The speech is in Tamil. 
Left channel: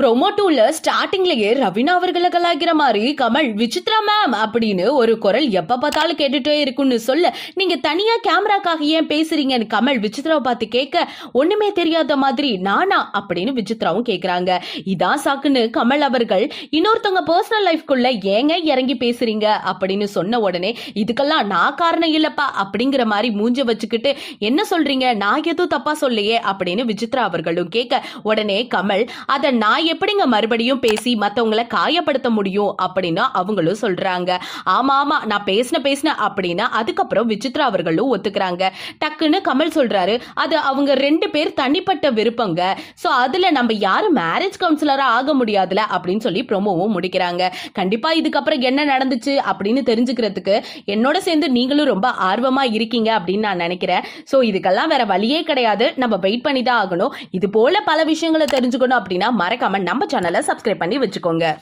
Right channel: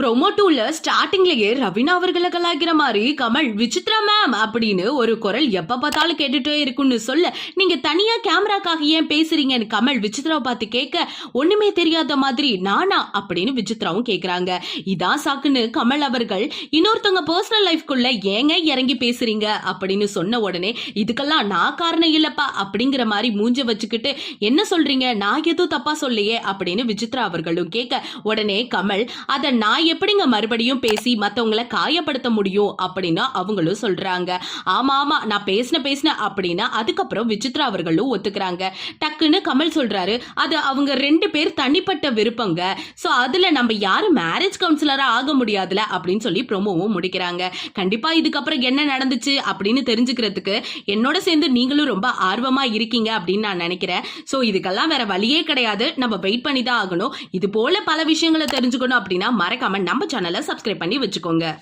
ப்ரோமோ 2ல ஸ்டார்டிங்லயே ரவீனா அவர்களை கலாய்க்கிற மாதிரி கமல் விசித்ரா மேம் அப்படின்னு ஒரு குரல் எப்ப பார்த்தாலும் கேட்டுட்டே இருக்குன்னு சொல்ல, நீங்க தனியா கேமராக்காக ஏன் பேசுறீங்கன்னு கமல் விசித்ராவை பார்த்து கேட்க, ஒண்ணுமே தெரியாத மாதிரி நானா அப்படின்னு விசித்ராவும் கேக்குறாங்க. இதான் சாக்குன்னு கமல் அவர்கள் இன்னொருத்தவங்க பர்சனல் லைஃப்குள்ள ஏங்க இறங்கி பேசுறீங்க அப்படின்னு சொன்ன உடனே, இதுக்கெல்லாம் நான் காரணம் இல்லப்பா அப்படிங்கிற மாதிரி மூஞ்ச வச்சுக்கிட்டு, என்ன சொல்றீங்க, நான் எதுவும் தப்பா சொல்லையே அப்படின்னு விசித்ரா அவர்களும் கேட்க, உடனே கமல் அதை நான் எப்படிங்க மறுபடியும் பேசி மத்தவங்களை காயப்படுத்த முடியும் அப்படின்னு அவங்களும் சொல்றாங்க. ஆமா ஆமா நான் பேசின அப்படின்னா அதுக்கப்புறம் விசித்ரா அவர்களும் ஒத்துக்கிறாங்க. டக்குன்னு கமல் சொல்றாரு, அது அவங்க 2 பேர் தனிப்பட்ட விருப்பங்க, சோ அதுல நம்ம யாரும் மேரேஜ் கவுன்சிலரா ஆக முடியாதுல அப்படின்னு சொல்லி ப்ரோமோவும் முடிக்கிறாங்க. கண்டிப்பா இதுக்கப்புறம் என்ன நடந்துச்சு அப்படின்னு தெரிஞ்சுக்கிறதுக்கு என்னோட சேர்ந்து நீங்களும் ரொம்ப ஆர்வமா இருக்கீங்க அப்படின்னு நான் நினைக்கிறேன். சோ இதுக்கெல்லாம் வேற வழியே கிடையாது, நம்ம வெயிட் பண்ணி தான் ஆகணும். இது போல பல விஷயங்களை தெரிஞ்சுக்கணும் அப்படின்னா மறக்காம நம்ம சேனலை சப்ஸ்கிரைப் பண்ணி வச்சுக்கோங்க.